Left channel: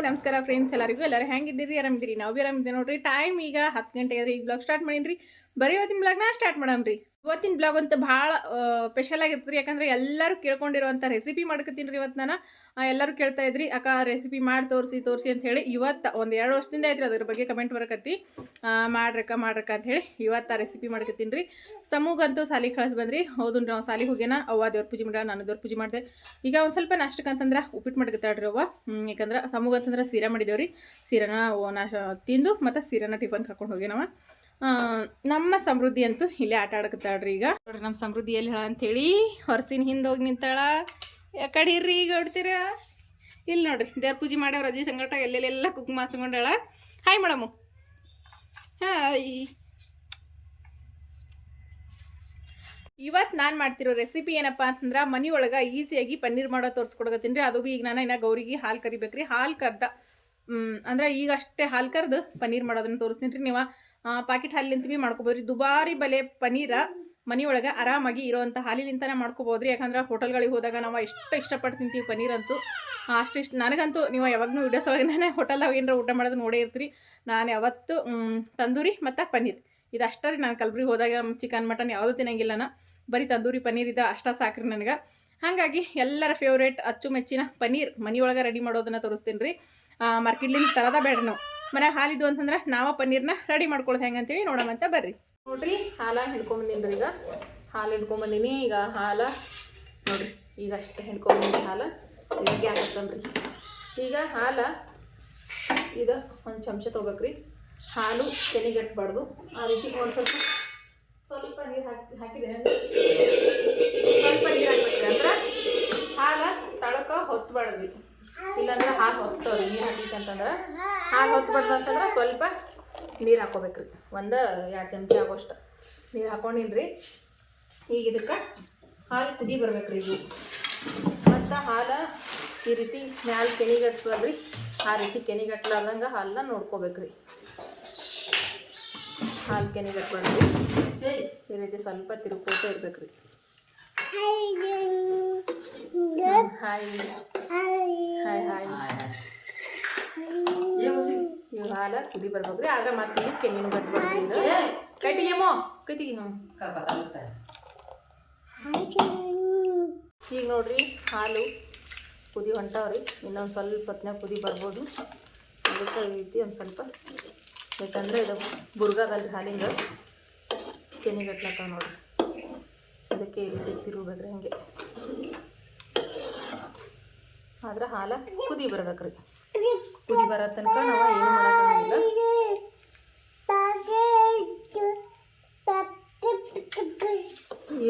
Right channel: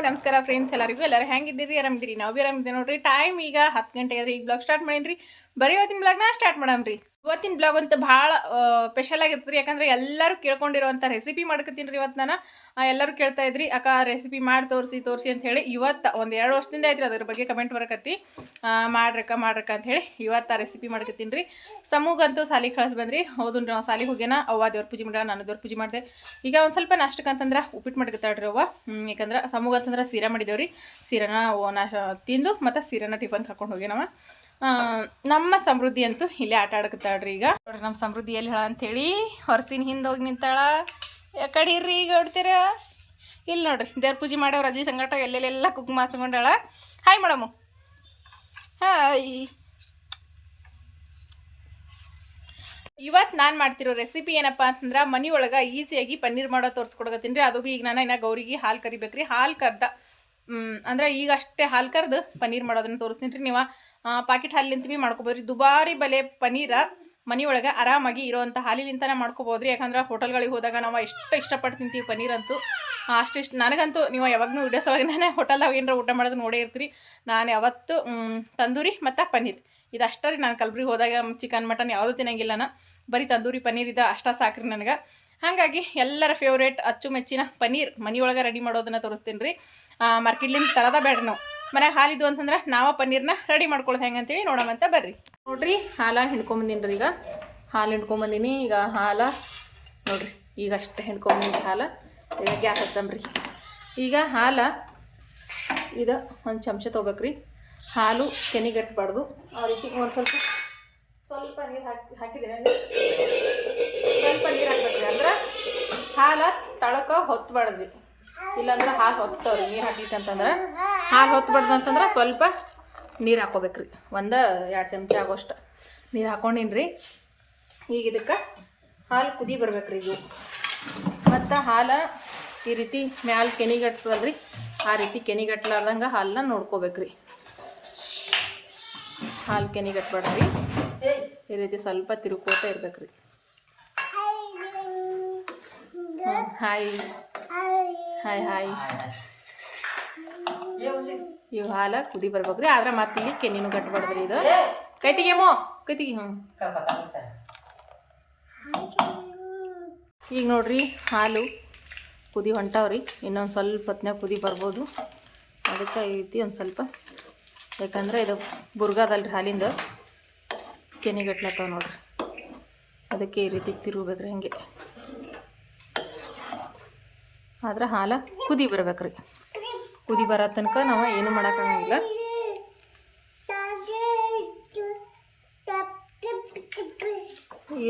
ನಮಸ್ಕಾರ ಫ್ರೆಂಡ್ಸ್ ಎಲ್ಲರಿಗೂ, ಎಲ್ಲರೂ ಹೆಂಗಿದ್ದೀರಿ? ಆರಾಮಿದ್ದೀರಿ? ನಾವು ಬಿ ಆರಾಮಿದ್ದೀವಿ ನೋಡ್ರಿ. ಟೈಮ್ ಈಗ ಹತ್ತು ಗಂಟೆ ಆದ್ರಿ ಈಗ ಬ್ಲಾಗ್ ಸ್ಟಾರ್ಟ್ ಮಾಡೀನಿ ಬರೀ ಇವತ್ತಿನ ಬ್ಲಾಗ್ನ ಸ್ಟಾರ್ಟ್ ಮಾಡಮ್ರಿ. ಇವತ್ತಿನ ಬ್ಲಾಗ್ ಅಂತ ಭಾಳ ಸ್ಪೆಷಲ್ ಆಗಿರ್ತದೆ ಯಾಕಂದ್ರೆ ಎಲ್ಲರೂ ಕೇಳ್ಕೊಂಡಿರುವಂಥ ರೆಸಿಪಿ ಮಾಡ್ಕೊತೀನಿ ರೀ ಇವತ್ತು ನಾನು. ಎಲ್ಲರೂ ಕೇಳ್ತಾ ಇದ್ರಿ, ಅಕ್ಕ ರೆಸಿಪಿ ಮಾಡಿ ತೋರಿಸಿ ತೋರಿಸಿ ಅಂತ ಹೇಳಿ ಇವತ್ತು ಒಂದು ಎರಡು ವರ್ಷದಿಂದ ಐತ್ರಿ ಅದ್ರ ಬಗ್ಗೆ ಕಮೆಂಟ್ ಬರಕತ್ತಿ. ಮಾಡ್ರಕ್ಕ ಮಾಡ್ರಕ್ಕ ಅಂತ ಹೇಳಿ ಇವತ್ತು ಆ ರೆಸಿಪಿ ಮಾಡ್ಕೊತೀನಿ ರೀ. ಸಮೂಗಂತೂ ಸಾಲಿ ಕಳಿಸ್ ಬಂದ್ರಿ. ಹೌದು ನಾವು ಸಾಲಿಗೆ ಹೋಗ್ಯಾನ, ಅವ್ವ ದೇವ್ರ ಪೂಜೆ ಮಾಡ್ಯಾಳ, ನಾನು ದೇವ್ರ ಪೂಜೆ ಮಾಡಿದೆ. ಈಗ ಒಂದು ಸ್ವಲ್ಪ ನಾಷ್ಟಕ್ಕೆ ಅಂತಂದ್ರೆ ಉಪ್ಪಿಟ್ಟು ಮಾಡ್ಕೊತಾಳ್ರಿ ಅವ್ವ. ಯಾಕಂದ್ರೆ ಸಮೂಗ ಅಂತಂದ್ರೆ ಸೀರಾ ಮಾಡಿದೇವ್ರಿ. ಸೀರೆನ ನಾಶ ತಿಂದು ಮತ್ತು ಸೀರೆನ ಟಿಫನ್ ಹಾಕೊಂಡು ಹೋಗ್ಯಾನವ. ನಮ್ಮ ಸಮೃದ್ಧಿ ಅಂತೂ ಇಲ್ಲೇ ಆಟ ಆಡಕತ್ತಾಳ್ರಿ ಈಗ. ನೋಡ್ರಿ, ನಮ್ಮ ಸಮೃದ್ಧಿ ಎಲ್ಲಿ ಹೇಳ ಅಂತೇಳಿ, ಹೊರಸಿನ ಹಿಂದೆ ಹೋಗಿ ನಿಂತಾಳ. ಯಾಕಡೆ ಇರ್ರಿ ಈಗ ಹೊಡ್ತೀರ ಇಲ್ಲಿ ನೋಡ್ರಿ, ದೇವ್ರ ಪೂಜೆ ಮಾಡ್ಯಾವ ರಜಿ ಸಂಗಟ ಎಲ್ಲೆಲ್ಲೆಲ್ಲ ಕುಕ್ ಹಚ್ಕೊಂಡಾಳ. ಹಾಯ್ ಮೇಡಮು ಹಾಯ್ ಇವತ್ತು ನಾನು ಮಾಡ್ತಿರೋ ರೆಸಿಪಿ ಏನಪ್ಪ ಅಂತಂದ್ರೆ ಮನೆಯೊಳಗೆ ಈಸಿಯಾಗಿ ಪನ್ನೀರ್ ಮಾಡೋ ತೋರಿಸ್ಕೊಡಕತ್ತೀನಿ ರೀ. ಅದು ಬಿ ಈಗ ನಾನು ಇನ್ನ ಗೌರಿಗೆ ಹಾಲು ಕರಿಬೇಕ್ರಿ. ಹಾಲು ಕರ್ದ ಅಂದ್ರೆ ಈಗ ಅಷ್ಟೇ ಹಾಲು ಕರೆದು ಪನ್ನೀರ್ ಮಾಡೋದನ್ನ ತೋರಿಸ್ತೀನಿ ರೀ. ನೀವು ಪಾಕೆಟ್ ಹಾಲಿಂತ ಭೀ ಮಾಡ್ಕೊಬೋದ್ರಿ ದುಬಾರಿ ಬಲೆ ಪನ್ನೀರ ಮನೆಯೊಳಗೆ ಆರಾಮಾಗಿ ಇರೋವಂಥ ಹಾಲಿಲಿಂತನೇ ಮಾಡ್ಕೋಬೋದ್ರಿ ಯಾಕಂದ್ರೆ ಹೋಟೆಲ್ಗಳಿಗೆ ಹೋದಾಗ ನಾವು ಎಷ್ಟು ಇಷ್ಟಪಟ್ಟು ತಿಂತೀವಿ ಪನ್ನೀರ್ ಅಂತೂ ಅಷ್ಟು ಇಷ್ಟು, ನನಗಂತೂ ನೀವು ಯಾವಾಗಲೂ ವಿಡಿಯೋಸ್ ಒಳಗೆ ನಾನೇ ಹೋಟೆಲ್ದಾಗ ಏನಾರ ಊಟ ಮಾಡೋದು ನೋಡೇ ಇರ್ತೀರಿ. ನಾನು ಯಾವತ್ತು ತಂದೂರಿ ಮತ್ತು ಪನ್ನೀರ್. ಇದು ಅಷ್ಟೇ ರೀ. ನಾನು ಕಲ್ಬುರ್ಗಿ ಹೋದಾಗ ಚಿಕನ್, ಮಟನ್ ಯಾವುದೂ ತಿನ್ನಂಗಿಲ್ಲ ನಾನು ಬರೀ ತಂದೂರಿ ಪನ್ನೀರ್ ಇದು ಅಷ್ಟ ಸಾಕ್ರಿ ನನಗೆ. ಹಾಗಾಗಿ ಎಲ್ಲರ ಫೇವ್ರೇಟ್ ಅಚ್ಚುಮೆಚ್ಚಿನ ಪನ್ನೀರ್ ಮನೆಯೊಳಗೆ ರೆಡಿ ಮಾಡೋದನ್ನು ತೋರಿಸ್ತೀನಿ ರೀ ಮಾರ್ಕೆಟ್ಲಿಂದ ತರದ ಬೇಡ ನಾವು. ಮನ್ಯಾಗ ಹಾಲಿದ್ದು ಅಂತಂದ್ರೆ ನಾವ ಪನ್ನೀರ್ನ ರೆಡಿ ಮಾಡ್ಕೊಳ್ಳೋದು ಹೆಂಗೆ ಅಂತೇಳಿ ನೋಡಮಂತ ಬರ್ರಿ. ನೋಡ್ರಿ, ಹಾಲ ಹಿಂಡ್ಕೊಂಬಂದಿನಿ ರೀ ಈಗ. ಹಾಲು ಹಿಂಡ್ಕೊಂಬಂದಿನಿ, ಈಗ ಹಾಲ. ನೋಡ್ರಿ, ಈಗ ಅಷ್ಟೇ ಹಿಂಡ್ಕೊಂಬಂದಿನಿ ಹಾಲು. ಗ್ಯಾಸ್ ಹಚ್ಚಂಬ್ರಿ ಈಗ ಹಾಲ, ಇದು ಒಂದು ಚಮಚ ತೊಗೋಬೇಕ್ರಿ. ಹಾಲು ಕೆನಿಗಟ್ಟಬಾರ್ದು ಆ ರೀತಿ ಒಂದು ಸ್ವಲ್ಪ ಸ್ವಲ್ಪ ನೀರು ಹಾಕಿ ಹಾಕಿದ್ರೆ ಸ್ವಲ್ಪ ನೀರು ಅಂದ್ರೆ ಹಾಲು ತಳಕ ಹೊತ್ಬಾರ್ದ್ರಿ ಇಲ್ಲಾಂದ್ರೆ ಹಾಲು ಹೊತ್ತವ್ರಿ ನೀರು ಹಾಕಿತ್ತಂತಂದ್ರೆ ಹಾಲು ಹೊತ್ತು ಅಂತಂದ್ರೆ ಸ್ವಲ್ಪ ನೀರು ಹಾಕೋಬೇಕ್ರಿ. ಒಂದು ಎರಡು ಚಮಚ ಆಗೋಷ್ಟು ನೀರು ಹಾಕೊಂಡಿನ್ರಿ. ಈಗ ಇದಕ್ಕೆ ಹಾಲು ಕುದಿ ಬರ್ಬೇಕ್ರಿ ಈಗ. ಮತ್ತು ಹಾಲು ಈ ರೀತಿ ಮ್ಯಾಲ ಕೆನಿಗಟ್ತದಲ್ರಿ ಆ ರೀತಿ ಕೆನಿಗಟ್ಲಾರ್ದಂಗೆ ಹಾಲನ್ನ ನೋಡ್ಕೋಬೇಕ್ರಿ. ಹಾಲು ಕೆನಿಗಟ್ಬಾರ್ದ್ರಿ ಈ ರೀತಿ ಸ್ವಲ್ಪ ತಿರುಕೋತ ಇರ್ಬೇಕ್ರಿ. ಹಾಯ್ ಹಾಯ್ ಹಾಯ್ ಇವು ಹಾಲ ಕುದಿ ಬರ್ಬೇಕ್ರಿ, ಆದ್ರೆ ಮತ್ತೆ ಈಗ ಕೆನಿನ ಗಟ್ಬಾರ್ದ್ರಿ ಇದು ಕೈ ತೆಗಿಯಮ್ಮು ಹ್ಞೂ ಈಗ ನೋಡ್ರಿ, ಹಾಲು ಕುದಿ ಹೊಂಟಾವ್ರಿ, ಇನ್ನೊಂದು ಸ್ವಲ್ಪ ಹೊತ್ನ್ಯಾಗ ಕುದಿ ಬರ್ಬೋದು. ಅದಕ್ಕೆ ಈ ರೀತಿ ಒಂದು ಸ್ವಲ್ಪ ಯಾಕಂದ್ರೆ ಇದು ಬುರ್ಗಾದಲ್ರಿ ಹಾಲಿಂದ ಕೆನಿಗಟ್ಲತ್ತಾವ ನೋಡ್ರಿ ಅದಕ್ಕೆ ಈ ರೀತಿ ತಿರುಗಬೇಕ್ರಿ ಹಿಂಗೆ. ಆದ್ರೆ ಹಾಲು ಕುದಿ ಬರ್ಬೇಕ್ರಿ. ಕುದಿ ಬರೋ ತನಕ ನಾವು ಏನು ಮಾಡೋಕ್ಕಾಗಂಗಿಲ್ಲ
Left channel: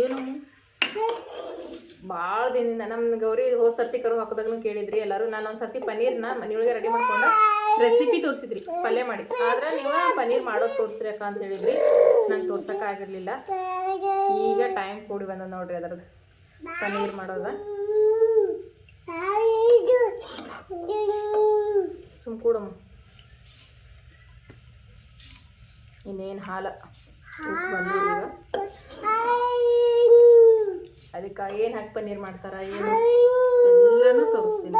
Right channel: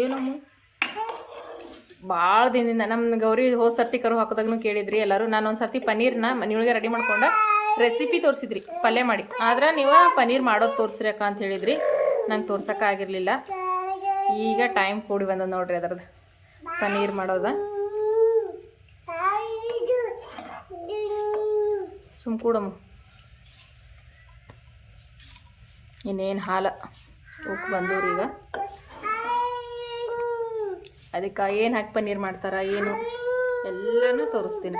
ಏನು ಭಾಳ ದಿನದಿಂದ ನಮ್ಮ ಗೌರಿ ಹೋದ ಸರ್ತಿ ಕರು ಹಾಕೋದಾಗನು ಕೇಳಿದ್ರಿ ಎಲ್ಲರೂ. ನಾನು ಒಂದು ಸರ್ತಿ ಪನ್ನೀರ್ನ ಮನೆಯೊಳಗೆ ರೆಡಿ ಮಾಡ್ಕೊಂಡು ರೆಸಿಪಿ ತೋರಿಸಿದ್ರಿ, ಪಲ್ಯ ಮಾಡಿ. ಆದ್ರೆ ನೀವು ಪನ್ನೀರ್ ಮಾಡೋದು ತೋರಿಸ್ರಿ ಅಕ್ಕ ಅಂತ ಹೇಳಿದ್ರಿ. ನಂಗೆ ತೋರ್ಸೋಕ್ಕಾಗಿರಲಿಲ್ಲ ಈಗ ಟೈಮ್ ಕೂಡಿ ಬಂದ ನೋಡ್ರಿ ಅದರದ್ದು ಪನ್ನೀರ್ ಮಾಡೋದ. ಸುಮ್ ಕೂಡಮ್ಮ. ಇನ್ನೇನು ಹಾಲು? ಈಗ ಅದಕ್ಕೆ ಏನು ಹಾಕಿ ಪನ್ನೀರ್ ಮಾಡ್ತಾರ ಏನು? ಎಲ್ಲನೂ ತೋರಿಸ್ತೀನಿ.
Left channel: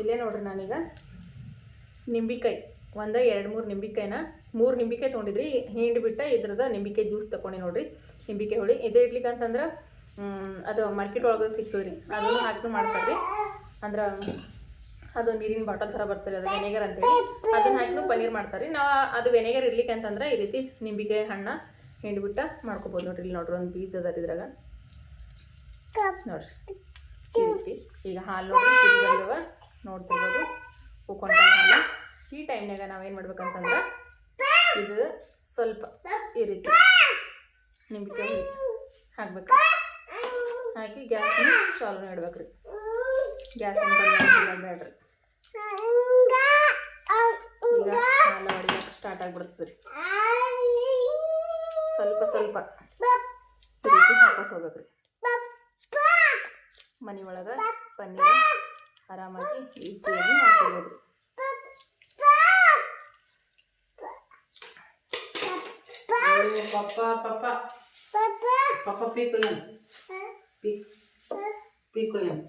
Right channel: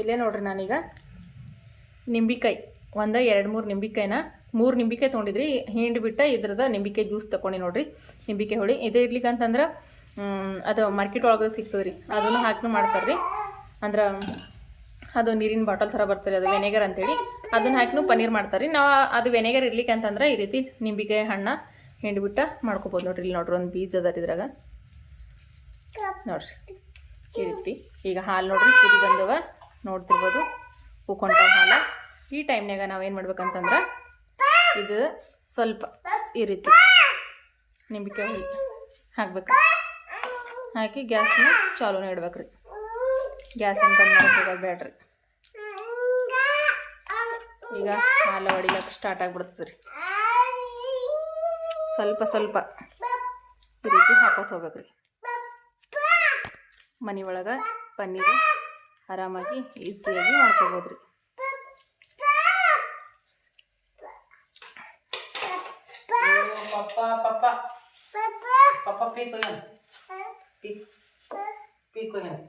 ಇಲ್ಲೇ ನೋಡ್ರಿ ನಾನೀಗ. ನಿಂಬಿಕಾಯಿ ಒಂದು ಎರಡು ಮೂರು ನಿಂಬಿಕಾಯಿನ. ಮೂರು ನಿಂಬಿಕಾಯಿ ತೊಗೊಂಡಿದ್ರಿ ಹಿಂಡಿ ಬಿಟ್ಟ ಇದ್ರದ ನಿಂಬಿಕಾಯಿ ಜ್ಯೂಸ್ ತೊಗೊಂಡು ನೋಡ್ರಿ. ನಿಂಬಿಕಾಯಿ ಹೊಳಿ. ಇದು ಇರ್ಲಿಕ್ಕೆ ಅಂತಂದ್ರೆ ಅದು ಮಾರ್ಕೆಟ್ ಒಳಗೆ ಸಿಗ್ತದೆ ರೀ ಅದನ್ನು ಹಾಕಿ ಮಾಡ್ತಾರೆ ರೀ ಅಂದ್ರೆ ಅದು ನೀರಿನ ಬಾಟಲ್ ಥರ ಬರ್ತದೆ ಅದು ವೆನೆಗರ್ ಅಂತೇಳಿ. ಅದನ್ನ ಹಾಕಿನೂ ಪನ್ನೀರ್ ಮಾಡ್ತಾರೆ ನಾವು ಅದು ವೆನೆಗರ್ ಇರ್ಲಿಕ್ಕೆ ಅಂತಂದ್ರೆ ಈ ರೀತಿ ನಿಂಬಿಕಾಯಿ ಹಣ್ಣ ಹಿಂಡ್ಬಿಟ್ಟು ಮಾಡ್ಕೊಬೋದು ನೋಡ್ರಿ. ಇಲ್ಲಿ ನೋಡ್ರಿ ಒಂದು ಬೀಜ ಅದ ಇದ್ರಾಗ. ನೋಡ್ರಿ. ಈ ಈಗ ಹಾಲು ನೋಡ್ರಿ ಕುದಿ ಬಂದವ. ನೋಡ್ತಿರ್ಬೋದು. ಉಕ್ಕೊಂಡ ಹಾಲು. ಈ ಟೈಮ್ನಾಗ ನಾವೇನು ಮಾಡ್ಬೇಕಂತಂದ್ರೆ ಇದು ಸ್ವಲ್ಪ ಈ ರೀತಿ ನಿಂಬಿಕಾಯಿ ಹುಳಿ ಹಾಕ್ಬೇಕು. ಹಾಕಿ ಗ್ಯಾಸ್ನ ಚಾಲೂನ ಇಡ್ಬೇಕ್ರಿ. ಬಂದ್ ಮಾಡ್ಕೊಳ್ಳೋದು ಬೇಡ್ರಿ ಈಗ ಹಾಲು ಹೊಡಿಯಕ್ಕೆ ಸ್ಟಾರ್ಟ್ ಆಗ್ಬಿಡ್ತದೆ ರೀ ಸ್ವಲ್ಪ ಸ್ವಲ್ಪ ರೀತಿ ಹಾಕೋತ ಹೋಗ್ಬೇಕ್ರಿ. ಮನೆ ಒಳಗೆ ಪನ್ನೀರ್ ಆರಾಮಾಗಿ ಈಸಿಯಾಗಿ ಮಾಡ್ಕೊಬೋದ್ರಿ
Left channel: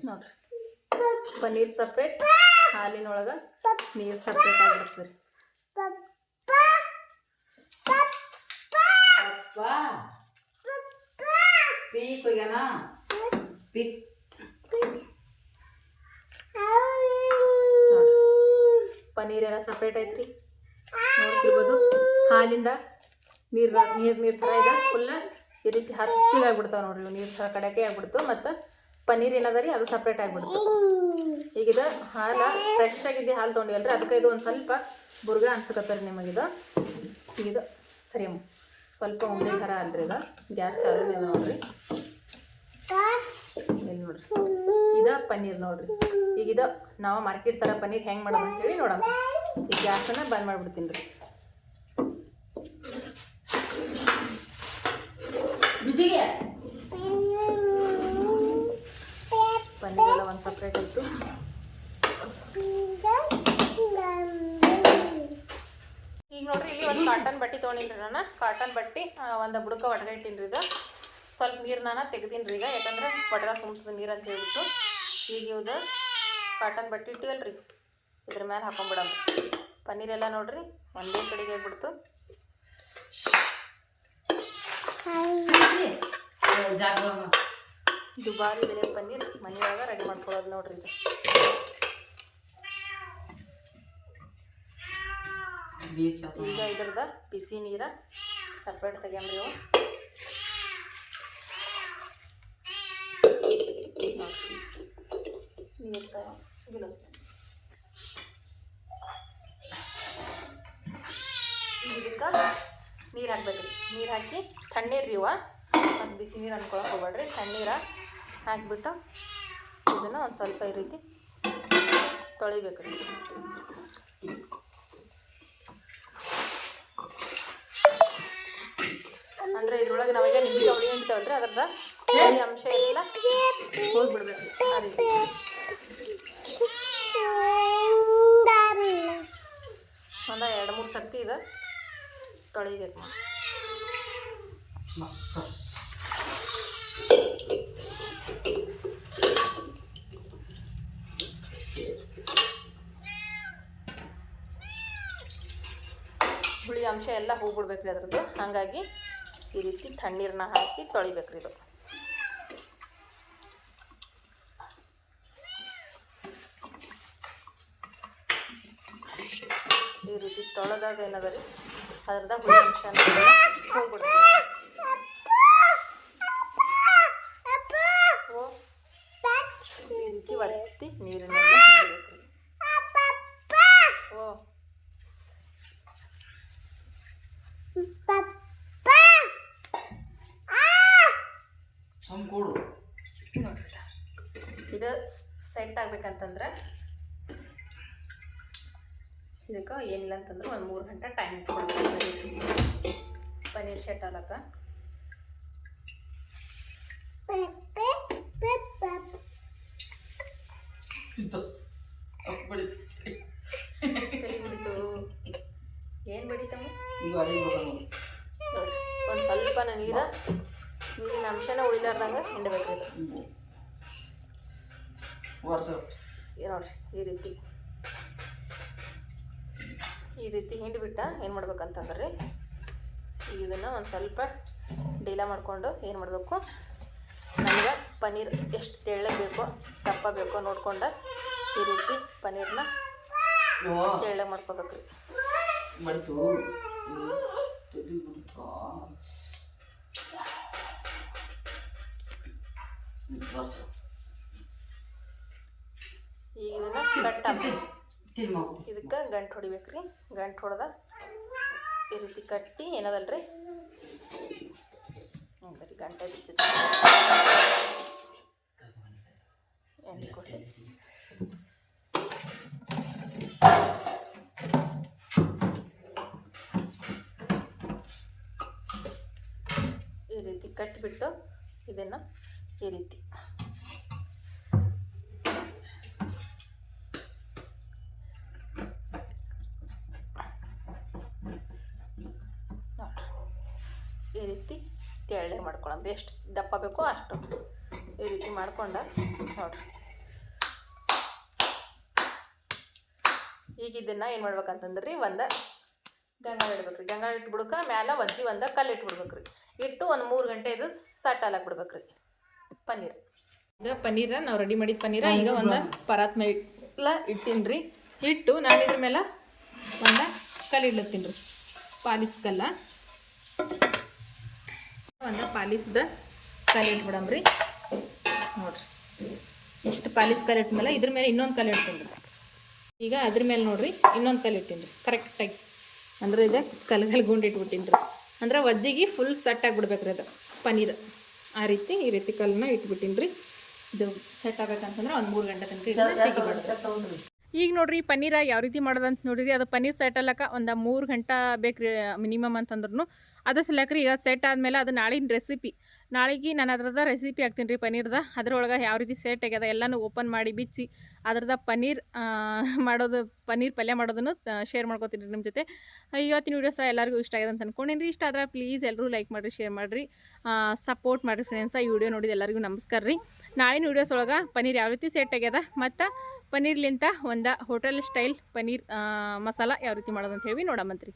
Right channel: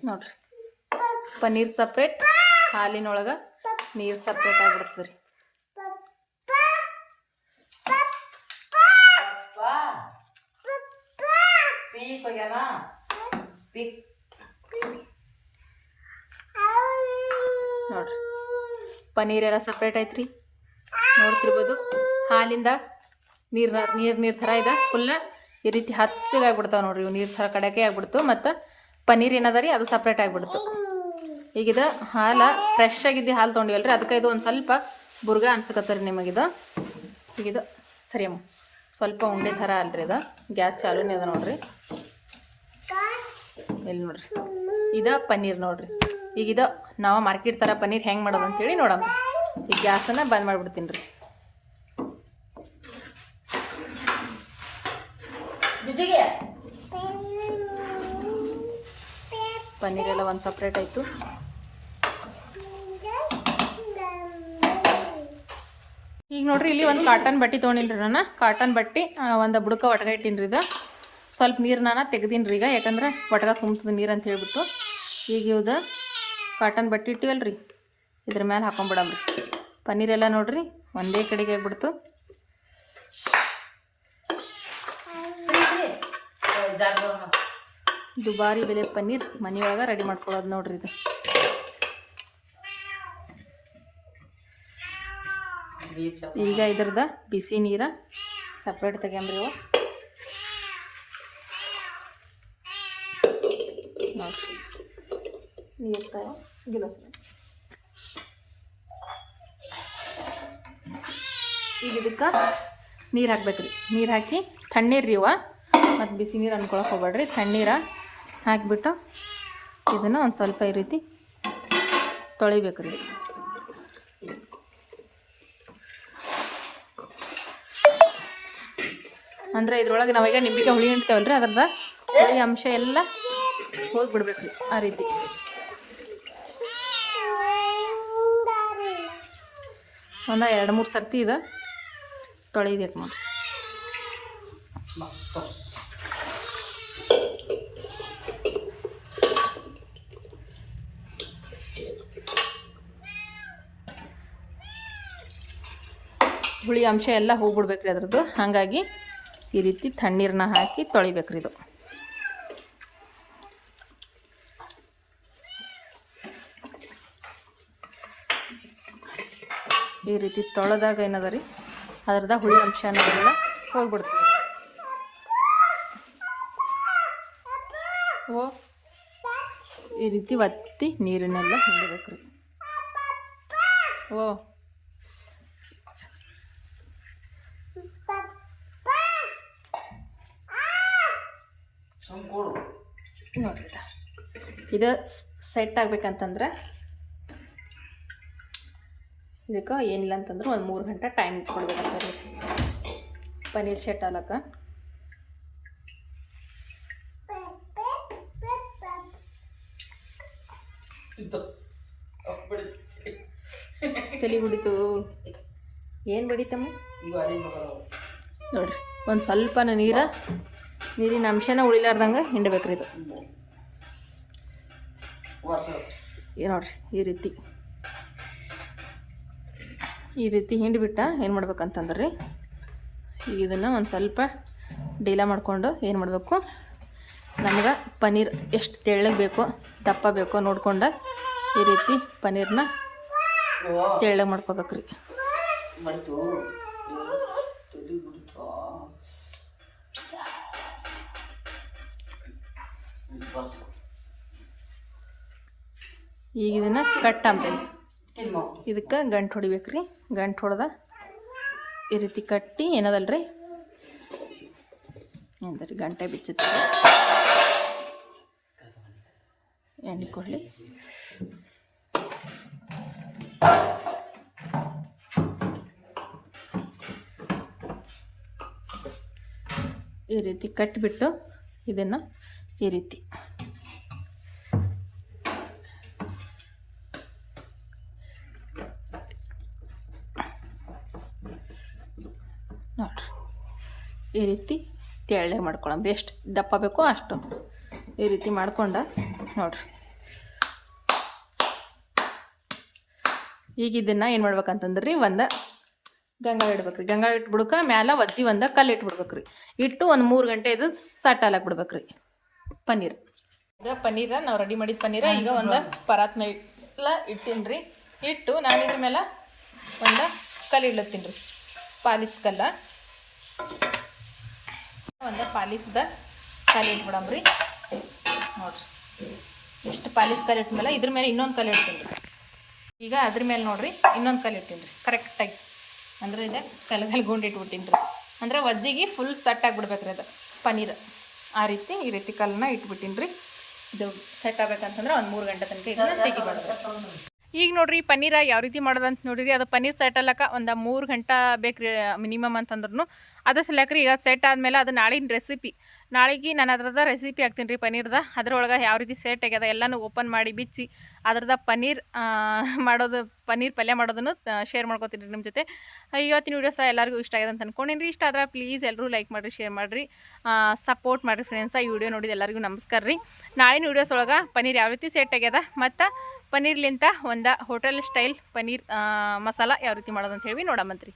ನೋಡ್ರಿ. ಪನ್ನೀರ್ ಸಪ್ರೇಟ್ ಹಾಲಿನೊಳಗೆ ನೀರು ಸಪ್ರೇಟ್ ಆಗಿಬಿಡ್ತದೆ ರೀ ಪೀಕ್ ಹೋಗ್ಯಾನ ಪೀಕ್ ನೋಡ್ರಿ ಪನ್ನೀರ್ ಎಲ್ಲ ಸಪ್ರೇಟ್ ಐತ್ರಿ ನೋಡ್ತಿರ್ಬೋದು. ಹಾಲಿಂದ ನೀರು ನೀರು ನೀರು ಥರ ಇದೆ. ಫುಲ್ ಈ ರೀತಿ ಹಚ್ಚಗೆ ಆಗ್ಬಿಡ್ತಾವೆ ನೋಡ್ರಿ ಇವು. ನೀರು ಥರ ಕಡೆಗೆ ಆಗ್ಬಿಡ್ತು. ಮತ್ತು ಪನ್ನೀರ್ ಏನದ ರೀ ಅದು ಸಪ್ರೇಟ್ ಆಗಿಬಿಡ್ತು. ಈಗಿದ ಹಾಲು ಫ್ರೆಶ್ ಆಗಿದ್ದು ಹಾಲು ತೊಗೊಂಡಿವಲ್ರಿ. ಅದಕ್ಕೆ ಇದು ಒಂದು ಸ್ವಲ್ಪ ಬುರ್ಗ ಅನ್ಸಕತ್ತರಿ ನಿಮಗಿದು. ಈಗ ಇದು ಸರಿ ಸ್ವಲ್ಪ ಉಂಡೆ ಥರ ಅಲ್ರಿ ಇದು ಗ್ಯಾಸ್ ಚಾಲೂನೇ ಅದ ನೋಡ್ರಿ ಇಲ್ಲಿ ನೋಡ್ರಿ ಇದ ಪನ್ನೀರ್ ನೋಡ್ರಿ. ಈಗ ಇದು ನಾವು ಮಾರ್ಕೆಟ್ ಥರ ಪನ್ನೀರ್ ಹೆಂಗೆ ಮಾಡೋದು ಅಂತೇಳಿ ನೋಡೋಣ. ಈ ಗ್ಯಾಸನ್ನು ಬಂದ್ ಮಾಡಿಬಿಡ್ತೀನಿ ರೀ. ಪನ್ನೀರ್ ಎಲ್ಲ ಒಂದು ಸಪ್ರೇಟ್ ಆಯಿತು. ಈಗ ನೋಡ್ರಿ ಇಲ್ಲಿ ಒಂದು ಕಾಟನ್ ಬಟ್ಟೆ ತೊಗೊಂಡಿನ್ರಿ ನಾನು. ಕಾಟನ್ ಬಟ್ಟೆ ಒಂದು ಬುಡಕ ಒಟಗ ಇಟ್ಟಿನ್ರಿ ಇದು. ಸ್ವಲ್ಪ ನೀರು ನಾನು ತೆಗ್ದೀನಿ ರೀ ಈಗ, ಯಾಕಂದ್ರೆ ಒಟಗ ತುಂಬ್ತದೆ ನೀರು ಅಂತ ಹೇಳ್ಬಿಟ್ಟು. ಈಗ ಇವ್ದು ಕಾಟನ್ ಬಟ್ಟೆ ಇಟ್ಟಿವಲ್ರಿ. ಇದ್ರ ಮೇಲೆ ಪನ್ನೀರ್ ಎಲ್ಲ ನೋಡ್ರಿ, ಒಂದೇ ಕಡೆಗೆ ಆಗ್ಬಿಡ್ತು. ದುಬಾರಿ ಬೆಲೆ ಪನ್ನೀರ್ ಮನೆಯೊಳಗ ರೆಡಿ ಮಾಡ್ಕೊಳ್ಳೋದು ನೋಡ್ರಿ ಇದು. ಈಗ ಇದ್ರದ ಬಿಸಿ ನೀರ ಸಪ್ರೇಟ್ ತೆಗ್ಯಾಂಬ್ರಿ ಇವು ನೋಡ್ರಿ. ನೀರ್ ಗಿಲಾಸ್ ಈಗ ಇದಕ್ಕೆ ನೀರು ಹಾಕ್ಬೇಕ್ರಿ. ನೀರು ಹಾಕಿ ತಣ್ಣೀರು ರೀ ಇವ. ಮತ್ತು ಬಿಸಿ ನೀರು ಅನ್ಕೊಳಕ್ಕೆ ಹೋಗ್ಬೇಡ್ರಿ. ತಣ್ಣೀರ ಹಾಕಿಬಿಟ್ಟು ಇದನ್ನು ಒಂದು ಸ್ವಲ್ಪ ಈ ರೀತಿ ತೊಳಿಬೇಕ್ರಿ. ಅಂದರೆ ಇದ್ರೊಳಗೆ ನಾವೀಗ ನಿಂಬಿಗೆ ಹುಳಿ ಇಡ್ತೇವಲ್ರಿ ಅದರದ ಹುಳಿ ಅಂಶ ಎಲ್ಲ ಹೋಗಿಬಿಡ್ಬೇಕ್ರಿ ಆ ರೀತಿ. ಒಂದು ಎರಡು ಮೂರು ಸರ್ತಿ ಇದು. ತೊಳಿಬೇಕು ನೋಡಿ. ಹುಳಿ ಅಂಶ ಎಲ್ಲ ಹೋಗ್ಬಿಡ್ಬೇಕ್ರಿ ಅದ್ರದ್ದು. ಹಾಗಾಗಿ ಈ ರೀತಿ ತಣ್ಣೀರನ್ನ ಹಾಕಿ ತೊಳಿಬೇಕ್ರಿ ಇದು. ಈ ರೀತಿ ತೊಳೆದಾಗ ಏನದ ರೀ ಅದ್ರದಾಗ ಹುಳಿ ಅಂಶ ಅನ್ನೋದೆಲ್ಲ ಹೋಗ್ಬಿಡ್ತೀವಿ ಓ ಈ ರೀತಿ ಒತ್ತಿ ನೀರಿನೆಲ್ಲ ರೀ ಓ ನೋಡ್ರಿ. ಇದು ಸೆಟ್ ಆಗ್ಬೇಕಂತಂದ್ರೆ ಇದಕ್ಕೆ ಏನಿಲ್ಲ ಅಂತಂದ್ರೆ ಒಂದು ಮೂರು ಗಂಟೆ ಟೈಮ್ ಇಟ್ಕೊಳ್ಬೇಕಾಗ್ತದೆ ಪನ್ನೀರ್ ಶೆಟ್ ಅಲಕ್ಕ ತಲೆ ಬಿಡಿತು ಏನು ಬಿಡಿತಮ್ಮ ನೋಡಿರಿ ಒಂದು ಸ್ವಲ್ಪ ನೀರ ನೀರಿನ ಅಂಶನ ಉಳಿಲಾರ್ದಂಗೆ ಹಿಂಡಬೇಕ್ರಿ ಇದು. ನೋಡ್ರಿ ಈ ರೀತಿ. ಈ ರೀತಿ ಹಿಂಡಿಬಿಟ್ಟ ಏನು ಮಾಡ್ಬೇಕಂತಂದ್ರೆ? ರೀ ಈಗ ಇದನ್ನು ಒಂದು ಸ್ವಲ್ಪ ಡೀಲ ಮಾಡಿಕೊಂಡು ಏನು ಮಾಡಬೇಕು? ನಮ್ಗೆ ಪನ್ನೀರ್ ಎಷ್ಟು ತೆಳ್ಳಗೆ ಬೇಕೋ ದಪ್ಪ ಬೇಕೋ ನೋಡ್ಕೊಂಡು ಈ ರೀತಿ ಪನ್ನೀರ್ನ ತೆಳ್ಳಗೆ ಮಾಡ್ಕೋಬೇಕ್ರಿ. ರೀ ಈಗ ಇದನ್ನು ಕಟ್ ಅಂತೇನೆ ಇದಕ್ಕೆ ಗಂಟು ಹೊಡಿಬೇಕ್ರಿ. ಗಂಟು ಹೊಡೆದ ಈ ರೀತಿ ಕಟ್ಟಿ ಏನದಲ್ರಿ? ಏನಂದ್ರಿ ಗಂಟೆ ಬಿಚ್ಚುತ್ತೆ? ಎಣ್ಣೆ ಕೊಡಲಿ. ಈ ರೀತಿ ಕಟ್ಟಿಬಿಟ್ಟು ಇದನ್ನು ಈ ರೀತಿ ನೋಡ್ರಿ ಈ ರೀತಿ ತೆಳ್ಳಗೆ ಮಾಡ್ಕೊಳಂಬ್ರಿ ಎಷ್ಟು ದಪ್ಪ ಬೇಕೋ ಅಷ್ಟು ಈ ರೀತಿ ಮಾಡ್ಕೊಂಡ ನೋಡ್ರಿ. ಈಗ ಇದನ್ನು ಏನು ಮಾಡ್ಬೇಕಂತಂದ್ರೆ ರೀ ಒಂದು ಗಂಗಾಳ ಇಡ್ಬೇಕ್ರಿ. ಗಂಗಾಳ ಇಟ್ಬಿಡ್ಕ ಮ್ಯಾಲ ಒಜ್ಜಿ ಒಂದು ಕಲ್ಲು ಇಟ್ಬಿಡ್ಬೇಕ್ರಿ ಇಟ್ಟು ಒಂದು ಮೂರು ಗಂಟೆ ಇದು ಸಟ್ಟಾಲಕ್ಕೆ ಬಿಡ್ಬೇಕ್ರಿ. ಪನ್ನೀರ್. ಈಗ ಪನ್ನೀರ, ನಾವು ರೆಡಿ ಮಾಡಿದ ಪನ್ನೀರ, ಈಗ ಒಂದು ಪರಾತ್ ಮೇಲೆ ಇಟ್ಟೀನಿ ರೀ ಇಟ್ಟು ನಾನು ಇದ್ರ ಮೇಲೆ ಒಂದು ಕಲ್ಲು ಇಡ್ಲತ್ತೀನಿ ರೀ. ಪಾಲಿಸ್ ಕಲ್ಲ. ಒಂದು ಪಾಲಿಸ್ದ ಇಟ್ಬಿಡಮ್ ಇಟ್ಬಿಡಮ್ರಿ ನೋಡ್ರಿ. ಇಷ್ಟು ಪಾಲಿಸ್ ಕಲ್ಲು ಇಟ್ಮೇಲೆ ಇದ್ರ ಮೇಲೆ ಇನ್ನೊಂದು ಕಲ್ಲು ಇಡ್ತೀನಿ. ರೀ ಈಗ ಅದ್ರ ಮೇಲೆ ನೋಡ್ರಿ ಇನ್ನೊಂದು ಕಲ್ಲು ಇಟ್ಟಿನಿ ರೀ ಕರೆಕ್ಟಾಗಿ ಅಂದರೆ ಇದು ಕಲದಲ್ಲಿ ಗುಂಡು ಇಟ್ಬಿಟ್ಟಿನಿ ರೀ ಅಂದರೆ ವಜ್ಜಿಗೆ ಫುಲ್ ಸೆಟ್ ಆಗಿಬಿಡ್ಬೇಕ್ರಿ ಅದು. ಪನೀರ್. ಆ ರೀತಿ ಈ ರೀತಿ ಕಲ್ಲನ್ನ ಇಟ್ಬಿಟ್ಟಿನಿ ರೀ ಇದು ಸೆಟ್ ಆಗ್ಬೇಕಂತಂದ್ರೆ ಒಂದು ಮೂರು ಗಂಟೆ ತನಕ ಇದನ್ನು ತೆಗಿಬಾರ್ದು ಈಗ ನೋಡ್ರಿ ಪನ್ನೀರ ಯಾವ ರೀತಿ ಮಾಡೋದಂತ ನೋಡಿರಿ. ಅದು ಪನ್ನೀರ್ ಸೆಟ್ ಅಲ್ಲಕ ಒಂದು ಮೂರು ಗಂಟೆ ಬೇಕ್ರಿ ಮಿನಿಮಮ್ ಅಂತಂದ್ರೂ ಅದು ಸಲಕ್ರಿ ಈಗ ಸೆಟ್ ಆದಮೇಲೆ ಅದು ನಾಳಿನ ರೆಸಿಪಿ ನಾಳೆಗೆ ನಾನು ಅದ್ರದ ರೆಸಿಪಿ ಹಾಕ್ತೀನಿ ರೀ ಪನ್ನೀರ್ದ. ಅದ್ರೊಳಗೆ ಯಾವ ರೀತಿ ಸೆಟ್ ಆಗ್ಯದ ಎಲ್ಲನೂ ಓಪನ್ ಮಾಡಿ ಬಿಚ್ಚಿ ಅದ್ರದ ಪನ್ನೀರ್ ಮಾಡೋದು, ಪನ್ನೀರ್ ಪಲ್ಯ ಮಾಡೋದನ್ನು ಶೇರ್ ಮಾಡ್ಕೋತೀನಿ ನಿಮ್ಮ ಜೊತೆ. ಇವತ್ತಿನ ವೀಡಿಯೋ ಸಹ ಎಲ್ಲರಿಗೂ ಇಷ್ಟ ಆಗಿದೆ ಅಂತ ಅನ್ಕೊಂಡೀನಿ ರೀ ಇಷ್ಟ ಆದ್ರೆ ಪ್ಲೀಸ್ ಎಲ್ಲರೂ ಲೈಕ್ ಮಾಡಿರಿ ಶೇರ್ ಮಾಡಿರಿ. ಸಪೋರ್ಟ್ ಮಾಡಿರಿ ಫ್ರೆಂಡ್ಸ ಈ ವಿಡಿಯೋ ನೋಡಿದ ಎಲ್ಲರಿಗೂ ನಮಸ್ಕಾರ ರೀ. ನಾಳಿನ ವೀಡಿಯೋಸ್ ಒಳಗೆ ಪನ್ನೀರ್ ಯಾವ ರೀತಿ ಸೆಟ್ ಆಗ್ಯದ ಮತ್ತು ಪನ್ನೀರ್ಲಿಂತ ಒಂದು ಹೋಟೆಲ್ ಸ್ಟೈಲ್ ಪನ್ನೀರ್ ಮಸಾಲ ಯಾವ ರೀತಿ ಮಾಡೋದು ಅಂತ ಹೇಳಿ ನೋಡಮಂತ್ರಿ.